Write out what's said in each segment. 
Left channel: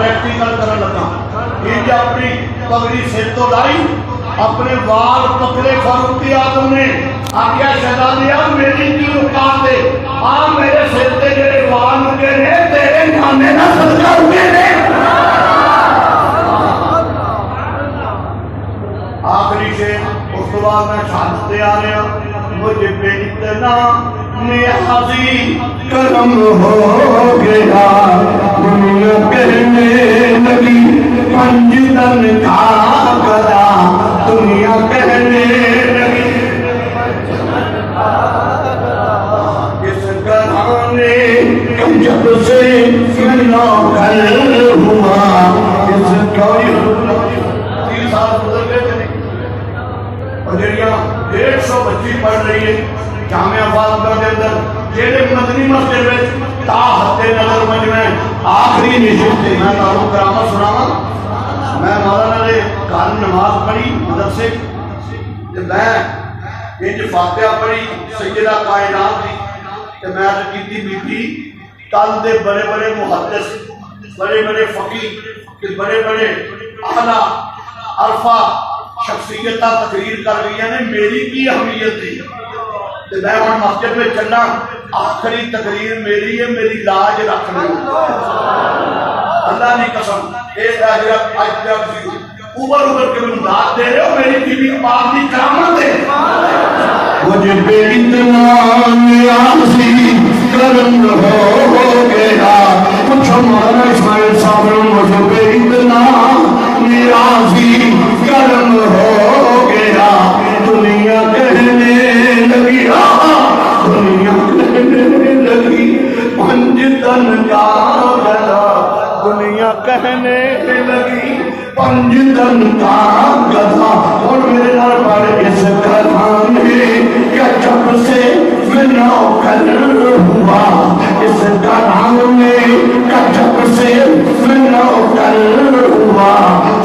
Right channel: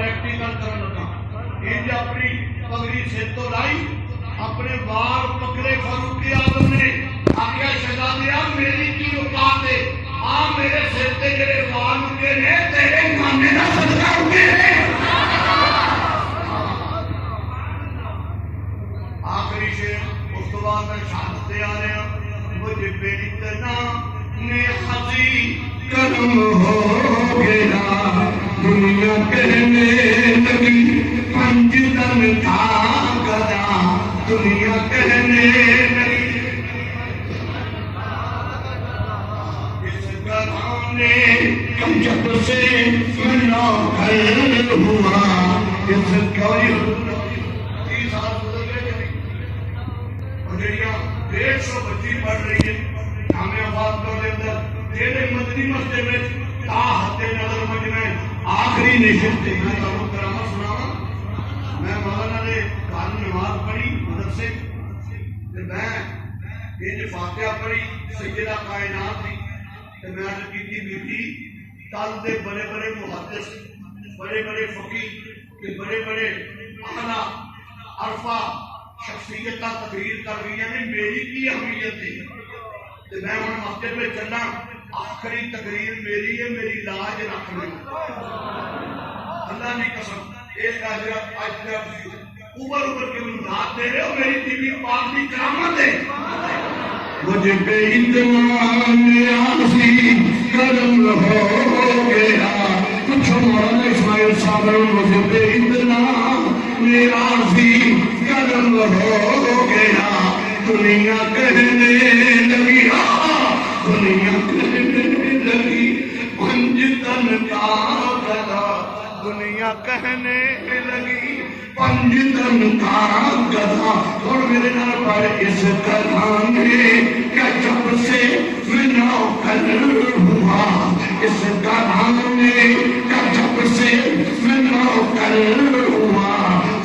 Practical کرن لگا انج اپنی پگڑی سر تو لائی اپنے وال پکڑے فاروق اعظم نے آخیا شہزادیا میری کی اوقات ہے آ میرے سر تے جڑے وال اگے نے تیرے نانے دا صدقہ اگے نے آخری شیخ اس کے بعد میں شہادت دے آ رہا مجھے پہ اتنا نیازی کرم ہو گیا دنیا کہنے لگی پنج تن کا گدا دنیا کہنے لگی اس گھرانے جب سے ملا کر ہوا اس کوئی 30 سال گزر گئے اور جڑیاں 150 بچی پڑھ رہی ہے جامعہ فاضلہ دے اندر جڑے مدنی مسجد وچ تا ہتے نظر مجمع آخری نشست تے میں تانوں کرامت سناواں میں مولانا نے گھر نماز پڑھی مدرسے تے میں انج فاتحہ پڑھی سیدہ کائنات دی تے میں عرض کیتی بی بی کل دے بڑے بڑے محدث بڑے بڑے فقیہ تے بڑے بڑے اعلیٰ عرفہ شخصیتاں تقریر کر رہی ہیں میری کی اہمیت تھی تے میں ہن مسجد میں چلنا آخری تقریر میری ہے میری لاج رکھ لیں اللہ نے قسم اس حضرت آج تک اوبر کے مداد دے رہے ہو میری بیوی پاک کی کرامت ہے مجھے بے اتنا نیازی کرم ہو گیا کچھ ہمارا اسماعیل صاحب مجھے بے اتنا نیازی کرم ہو گیا دنیا کہنے لگی دنیا کہنے لگی پنج تن کا گدا دنیا کہنے لگی پنج تن کا گدا اور میرے نال پڑھ اس گھرانے کا جب سے ملا کر ہوا اس گھرانے کا جب سے ملا کر ہوا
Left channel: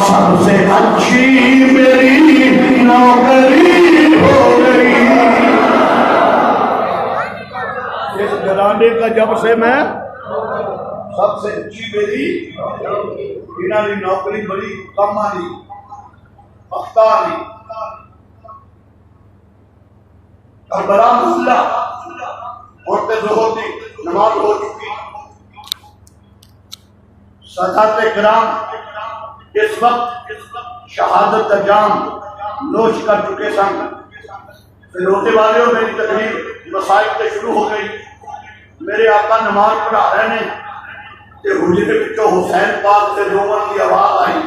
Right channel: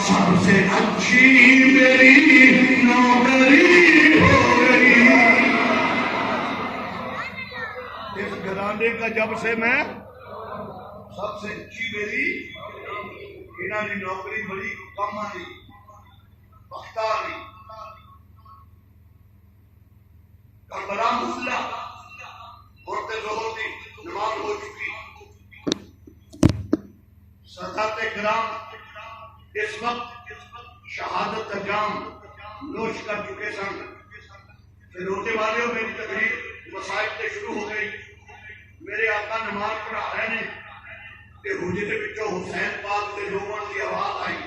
سب سے اچھی میری نوکری ہو گئی اس گھرانے کا جب سے میں سب سے اچھی میری انہاں دی نوکری بڑی کم آئی اختار نہیں کربلا محلہ اور تے ظہر دی نماز ہو چکی سادات کرام اس وقت شہادت کا جام نوش کر چکے سن پھر روتے والے ہو میری تقریر مسائل سے شروع ہو گئی میرے آقا نماز پڑھا رہے ہیں کہ حجرے وچوں حسین پاک سے رومن کی آواز آئی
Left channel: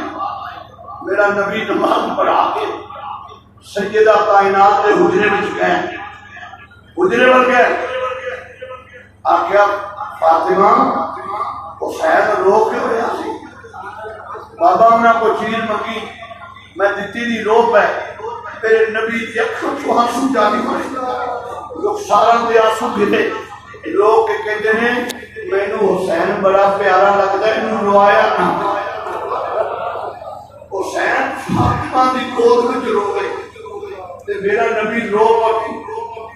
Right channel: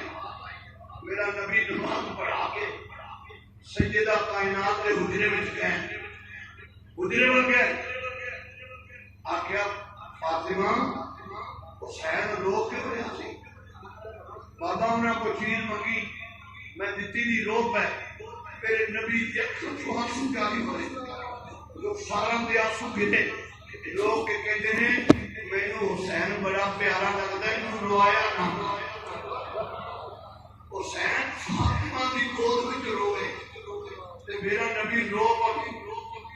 میرا نبی نماز پڑھا کے سیدہ کائنات کے حجرے وچ گئے حجرے ول گئے آخیا فاطمہ حسین رو کیوں رہا سی بابا انہاں کو چیز منگی میں دتی دی رو پہ میرے نبی دی اکھاں چوں آنسو جاری ہوئے لوگ سارا دے آنسو گرے لوگ کے کہتے ہیں مینوں حسین بڑا پیارا لگتا ہے انہوں روایا نہ حسین فاطمہ دی گود وچ رو گئے تے میرا نبی رو پڑی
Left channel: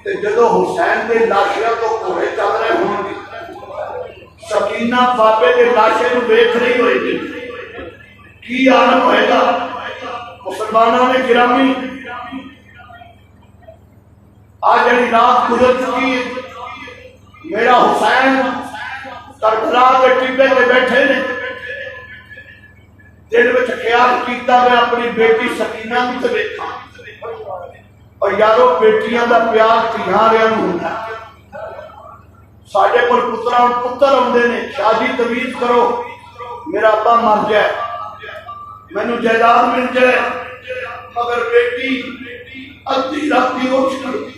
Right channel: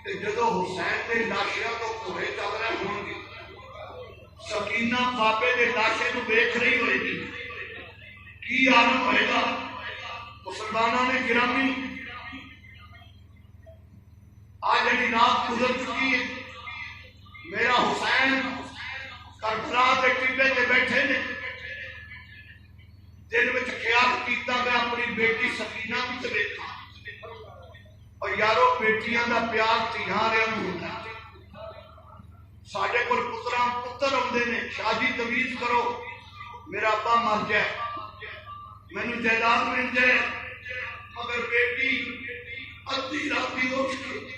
تے جدو حسین دے لاشیاں تو کوڑے چل رہے ہوں گے سکینہ بابے دے لاشے نو ویکھ رہی ہوئے گی کی عالم ہوئے گا مسلمانوں نے گرامی آج جڑی رات گزر چکی ہے میرا حسین کربلا کے ٹبے تے بیٹھے نے دل وچ خیال کیتا میں اپنی بیٹی سکینہ نوں تے ویکھاں اور یارو بیٹیاں دا پیار تیاں رہیا نوں ہوندا ساڈے کول پتر آندے نے شادی تمیز کرو میرا ابا مر جائے مینوں جائیداد مل جائے مگر بیٹی ادھی راتی اٹھ کے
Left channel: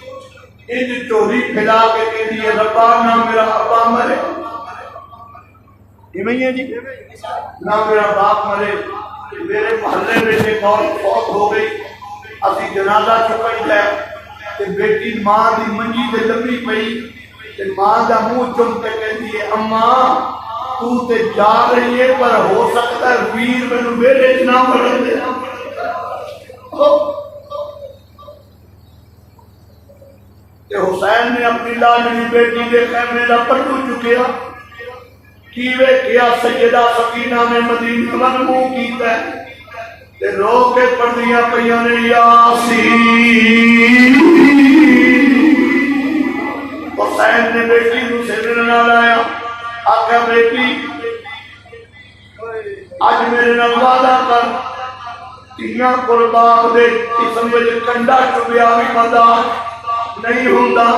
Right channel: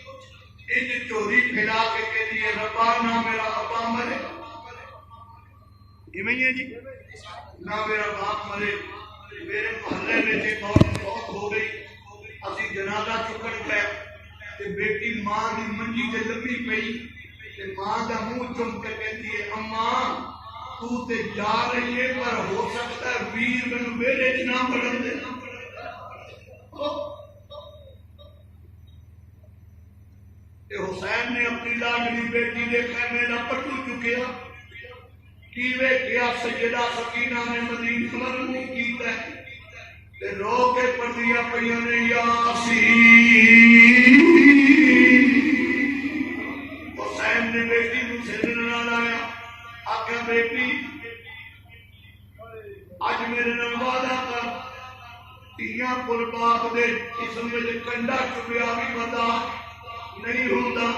انج چوری پھیلا کے کہندی ہے ربا نہ میرا ابا مرے ایویں ہی ہے جی نہ میرا باپ مرے میرے محلے میں ایک عورت فوت ہو گئی اسی جنازہ چکن گئے کہ بیٹی ماں دی منجی تے لمبی پئی تے ماں دا منہ چم کے کہندی ہے اماں تو تے جا رہی ہے پر ہو سکتا ہے ویر مینوں میرے چ نہ بڑھن دے کہ حسین نے اپنی لاڈلی بیٹی دے خیمے دا پٹو چکیا کی ویکھیا سیدہ سکینہ نے مدینے ول منہ کیتا ہے تے رو کے پڑھدیاں پئیاں نے یاسین۔ حسین نے بیٹی کو سینے نال آیا، آکھیا بیٹی اج میرے نال وعدہ کر تیاں قربان دے قسم وچ کنڈا چبیا بھی مرداد نہیں ہوندا،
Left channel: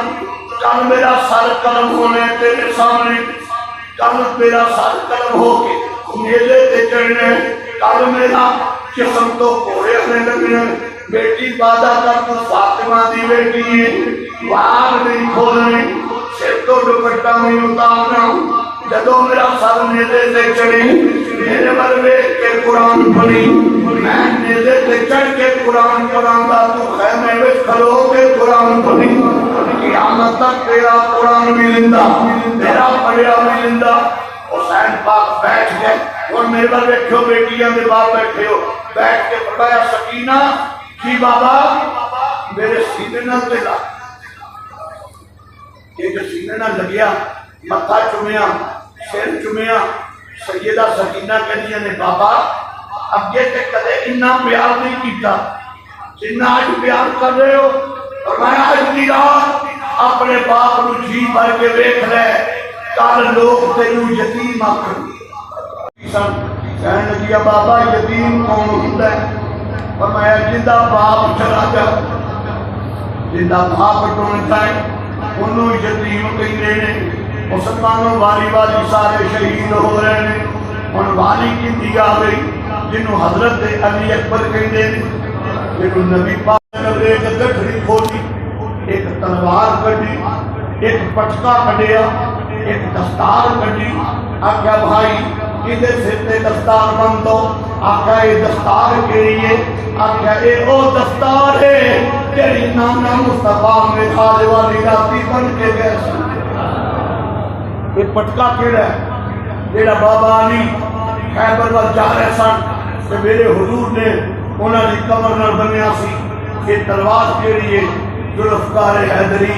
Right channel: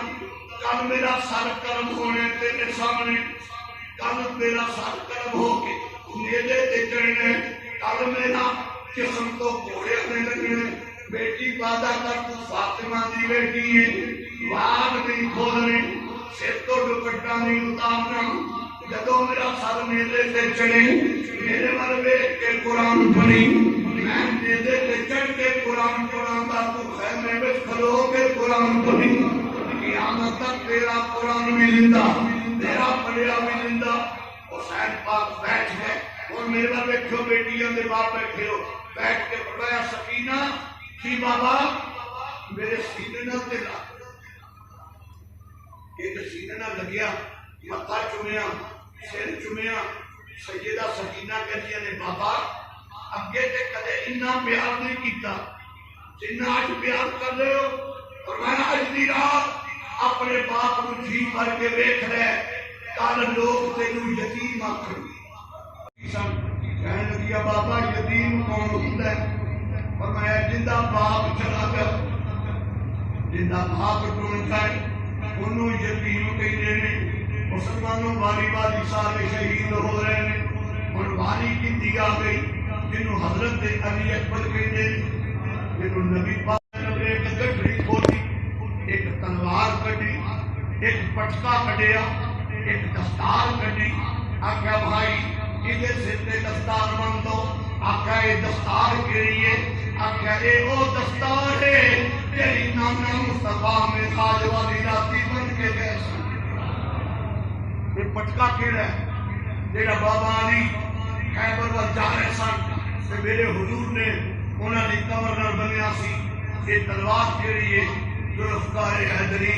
کل میرا سر قلم ہونے تیرے سامنے، کل میرا سر قلم ہو کے نیلے تے چڑھنے، کل میرا جسم تو گھوڑے ہونے لگنے۔ بیٹی وعدہ کر تو فاطمہ دی بیٹی ہے، وار نہیں کھولنی، سر تو دوپٹہ نہیں اتارنا، جدو میرا سر نیلے تے چڑھی میرے ول ویکھ کے قرآن پڑھی، میں نیلے تے چڑھ کے قرآن پڑھاں گا، تو خیمے وچ کھلو کے قرآن پڑھی، قیامت تک تیرا قرآن بھی زندہ، تیرا پڑھیا بھی زندہ۔ حسین پاک بیٹھ گئے اور میرے ول ویکھو بیٹیاں دے باپ بیٹھے ہو، بیٹھ کے فرمایا سکینہ کی بابا میرے سینے نال تے لا، ایک سینے نال لگیا، متھا چومیا، سر چومیا۔ سیدہ سکینہ کہندیاں نے بابا اگے تے کدے اتنا پیار نہیں کیتا جتنا اج پیار کر رہے ہو، اور میں اج دی رات اپنے باپ نو جی بھر کے ویکھ لے، کل لوگ تینوں یتیم آکھن کہن لگیا بابا یتیم کون ہوندا ہے؟ فرمایا جندا باپ چلا جائے، جندا باپ ٹون جائے انہوں یتیم کہندے نے۔ مسلمانوں والی والی سارے شہید ہو رہے ہیں، ہن والی کیندی آ گئی جنوں حضرت علی اکبر کہندے نے، جنوں نبی پاک نے ایک گٹھڑی کھولی، ایک تلوار کڈی، ایک پٹکا کڈیا، ایک دستار کڈی، آکھیا بھائی ادھر سر تے دستار بن دو، آکھیا یہ دستار کیڑی ہے؟ آکھیا اے او دستار ہے تیری نانا مصطفیٰ میراد والی راتی بن کے گئے سن۔ یہ پٹکا کیڑا ہے؟ جیڑا بابا علی خیبر ول جا رہے سن تے میرے حضور نے انہاں دی کمر نال بنیا سی۔ یہ تلوار کیڑی ہے؟ ذوالفقار حیدری۔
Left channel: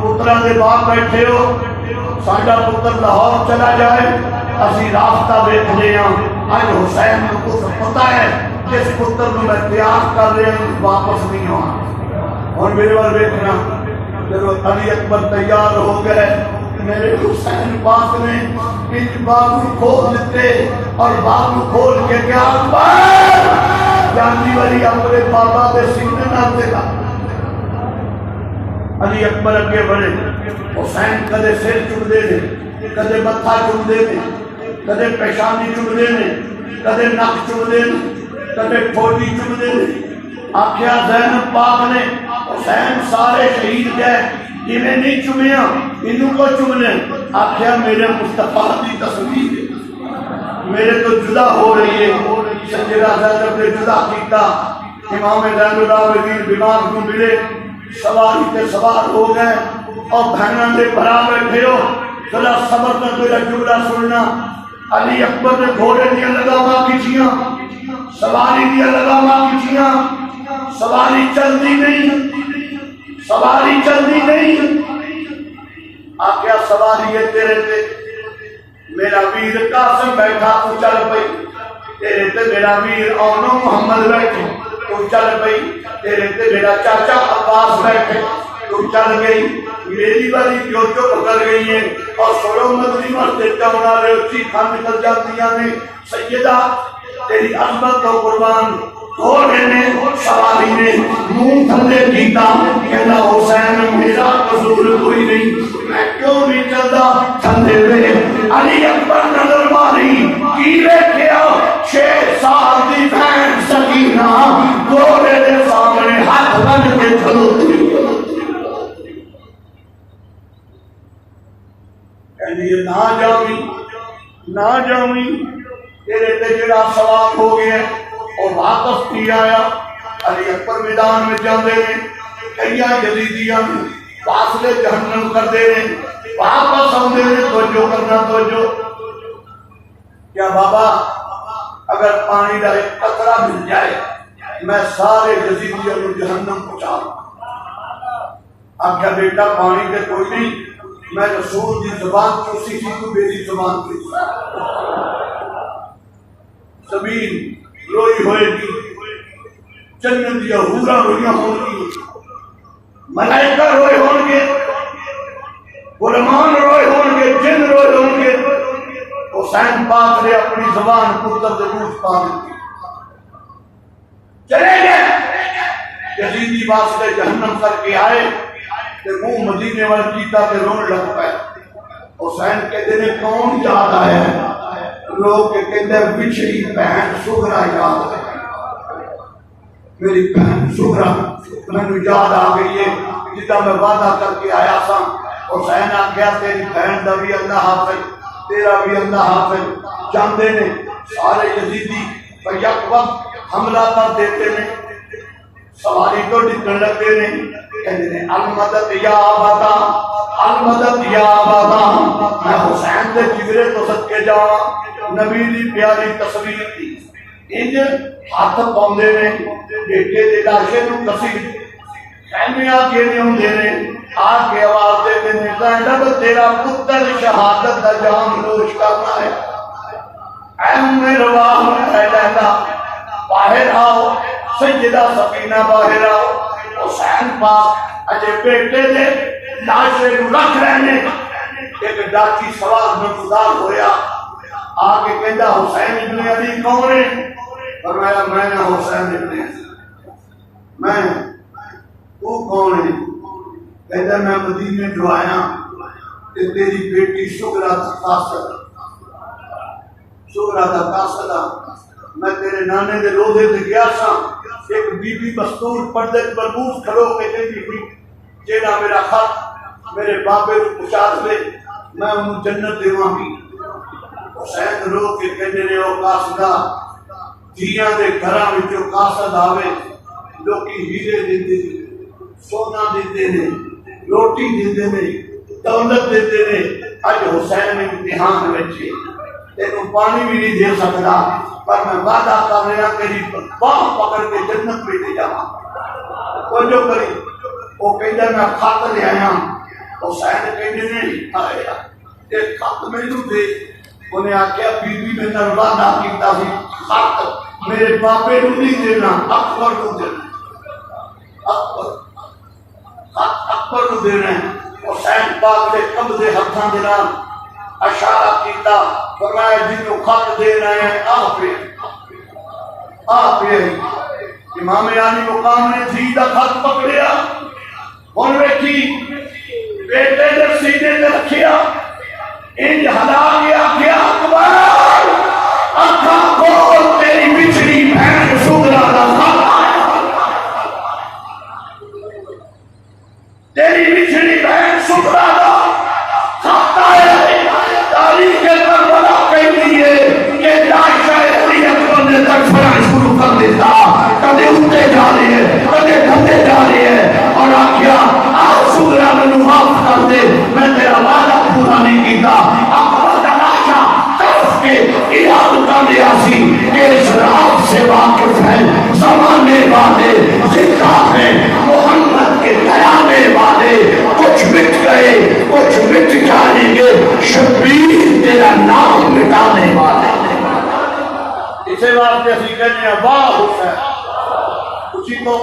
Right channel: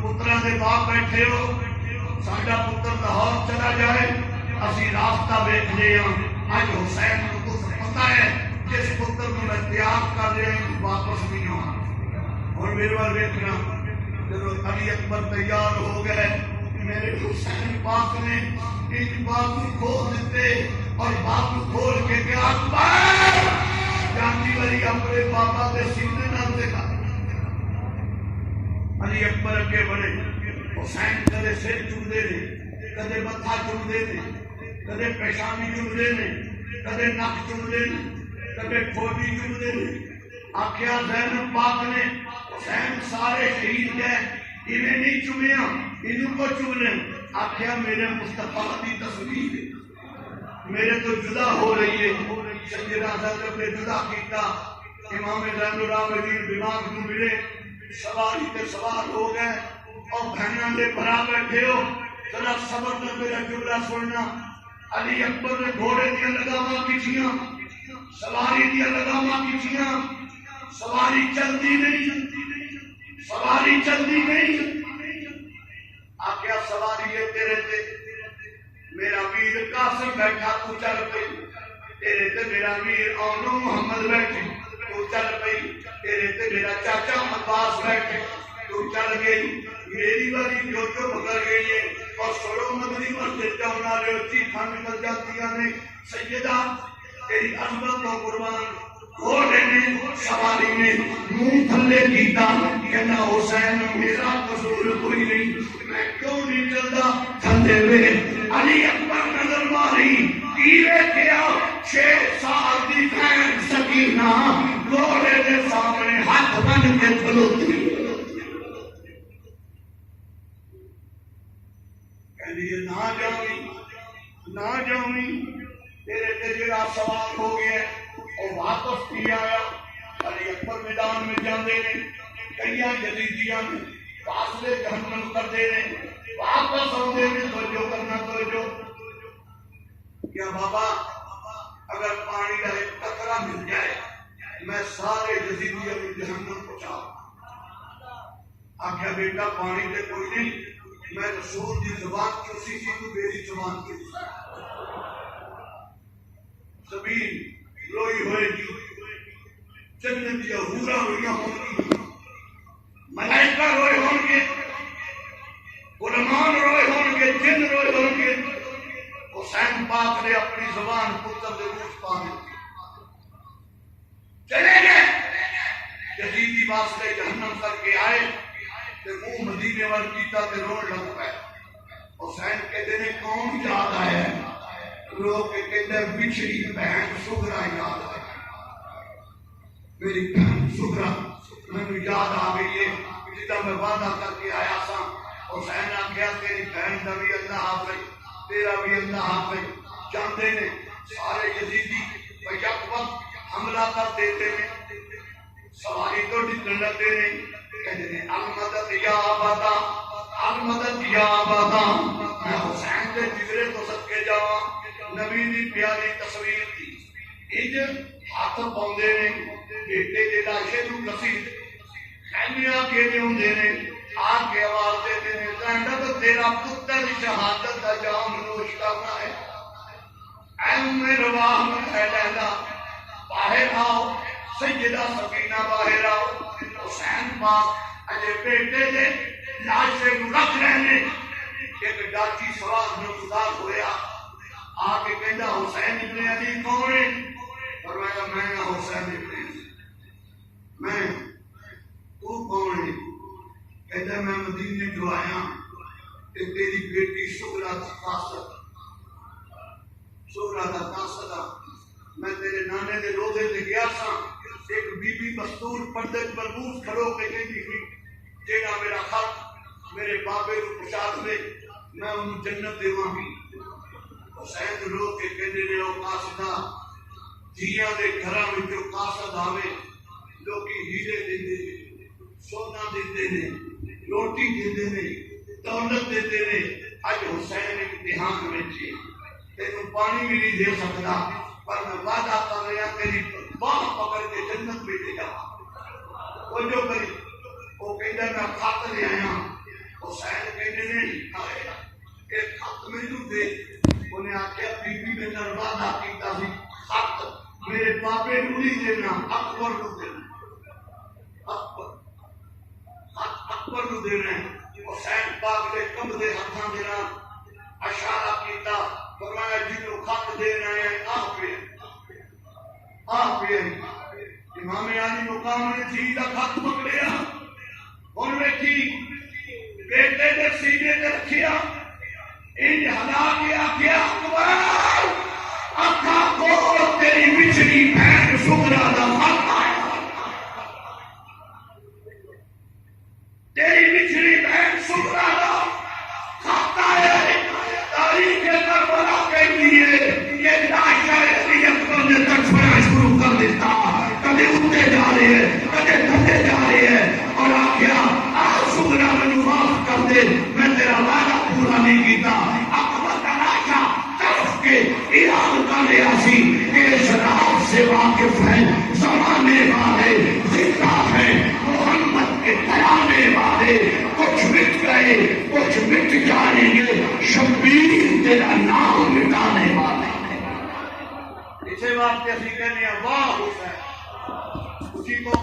پتراں دے باپ بیٹھے ہو، ساڈا پتر لاہور چلا جائے اسی راستہ ویکھ لے ہاں، اج حسین نو کچھ پتہ ہے جس پتر نو میں تیار کر رہا ہوں واپس نہیں آنا۔ اور میرے ول ویکھنا جب علی اکبر تیار ہو گئے، میرے حسین پاک نے ایک بابو کھول دیتے اور بابو کھول کے کیا اکبر جانتی والی اپنے بابا دے سینے نال تے لا۔ علی اکبر اگے بڑھے، حسین کدے سر چومدے نے، کدے متھا چومدے نے، کدے پیشانی چومدے نے، کدے نک چومدے نے، کدے ٹھوڈی چومدے نے۔ آکھیا زینب پاک نے حسین سارے شہید گئے، انہیں نہیں چومیا، انہوں کو چومنے۔ آکھیا میرے مصطفیٰ دی تصویر میرے تو جدا ہو رہی ہے۔ سیدہ زینب نے جدا کیتا، امام زین العابدین بیمار کو ملے، سواری تے سوار ہو گئے، اور بہناں دے بھرا بیٹھے ہو، ذرا صبر نہ میرا جملہ سننا۔ علی اکبر نے گھوڑے دیا لگاواں کیتیاں، سواری دیا لگاواں کیتیاں، سواری چلدی نہیں، سواری چلدی نہیں۔ آکھیا سواری ہے تیرے تے میرا ویر قاسم بیٹھا تو چل پئی، تیرے تے میرا ویر اونو محمد بیٹھے تو چل پئی، تیرے تے میرا چاچا عباس بیٹھے تو چل گئی۔ میری والی جو پکڑ گئی ہے اور سڑو مدنی مسجد کا بنا رہے ہو، چیخاں نکل جاتی ہیں۔ سیدہ تیری عظمت تو قربان، گھوڑے نے سواری نے منہ تھلے کیتا، کہنا حسین میرا قصور کوئی نہیں، میں کیوں نہیں چلتا تھلے وے۔ علی اکبر نظر ماری کی ویکھیا 6 سال دی بہن سکینہ گھوڑے دے سامنے ہاتھ بن کے کھلوتی، کہنی نہ جاویں نہ جاویں، تیرے تے جڑا سوال ہو گیا اور واپس نہیں آیا۔ علی اکبر میدان میں جاندے نے، کئی یزیدیاں فاصلے جہنم کر دے نے، واپس آندے نے، توجہ کرنا توجہ۔ کیا بابا اگر پانی کا ایک قطرہ مل جائے میں سارے یزیدیوں کو جہنم پہنچا دوں؟ آکھیا بیٹا پانی تے کوئی نہیں، میں رسول دی زبان چوسی سی تو میری زبان کی زمین روئی ہوئے گی، جنت یا حورا رویاں ہوں گی، ملائکہ روئے ہوں گے، غلامان روئے ہوں گے، جن روئے ہوں گے۔ حسین پاک نے اپنی زبان پتر دے منہ پا دیتی، چلے گئے۔ یزیدی واسطے جہنم کر کے آئے تے منہ مدینے وال کیتا تے رون لگ پائے۔ حسین کہتے ہیں کون یاد آیا ہے؟ لوگ کہتے ہیں بچھڑی بہن سغرا یاد ہے، میری بہن سغرا میں یاد آ گئی ہے جتا میں وعدہ کر کے آیا سا۔ حسین آ گیا تیری بہن دا بھی اللہ حافظ، تیرا بھی اللہ حافظ۔ جاندے نے سارے یزیدی یک وقت حملہ کر دیتے ہیں، سواری تو ڈکن لگتے ہیں، کہتے ہیں المدد یا آبادا، المدد یا آبادا۔ میں حسین دے جگرے تو صدقے جاواں، نبی دی پیاری تصویر تھی، انج ہاتھ پاؤندے نے بیٹے دے لاشے نو کسی خیمے آ کے نہیں ہوندے نے، آ کے آواز دیتے ہیں زینب تیرا پتر شہادت دا جام نوش کرنا ہے، اے مرواح اے لیلا باہر آؤ، سیدہ سکینہ باہر آؤ۔ حسین پاک اجے بیٹے دے لاشے نو رکھ رہنے، ایک ڈاکی سوال نمودار ہویا، آ کے کہندا حسین ابن علی کون ہے؟ فرمایا میں حسین ابن علی۔ میں تو کون ہے؟ کہتا میں مدینے جو آیا کہ تیری بیٹی سغرا دا قاصد، سغرا دا قاصد میں تیرے نانے دے روزے تے گیا سا، ایک بی بی مستور پردے مربوط کھڑو کے کہتی ہوئی جیڑا میرا خط میرے بابے کو پہنچا دے میں انہوں جنت دیواں گی۔ حسین رو کے کہنے نے او قاصدہ دھیاں دے گھراں وچوں قاصد آوے، لوکی ہیرے دیندے نے، سونا دیندے نے، روٹی دیندے نے، دولت دیندے نے۔ اج حسین امتحان وچ تینوں پانی بھی نہیں دے سکتا، پر میں وعدہ کر رہا تیری باہ پکڑ کے جنت میں لے جاواں۔ توجہ کری، وہ کہندا میں خط لے آیا، حسین کہندے نہیں آیا کہ خط مینوں دے۔ انہیں آکھیا بی بی میں نے وعدہ کیتا سی خط میرے بابے نوں نہیں دینا، اکبر کو دینا، اکبر خط اکبر کو دینا ہے۔ حسین پاک نے قبضے ہتھاں دے نال اشارہ کیتا، فرمایا جنوں خط دینا ہے آپ امام علی مقام نے جی دا خط پکڑیا، ہن ویکھی بیٹے دے سینے تے رکھیا، انج ہلا کے آکھیا اکبر اکھاں کھول تیری بچھڑی بہن سغرا دا خط، تیری بچھڑی بہن سغرا دا خط آیا ہے۔ تاریخ کربلا کہتی ہے کہ لاشا علیت بندے تک فرائض شروع کر دیتا، کدے اٹھتے جا رہے ہیں کدے ڈھتے جا رہے ہیں، اور آکھیا آج سغرا میں معاف کر دے، میں تیرا وعدہ پورا نہیں کیتا۔ اکبر دا لاشا طرف کے یاد کر لیا سی کہ اس رات سے واقف ہے زمانے والے، زندہ ہے محمد کے قیامے والے، کچھ مٹ گئے کچھ مٹ جائیں گے، شبیر تیرا نام مٹانے والا۔ اسے واسطے اسی کہنے ہیں واہ حسین، اسی کو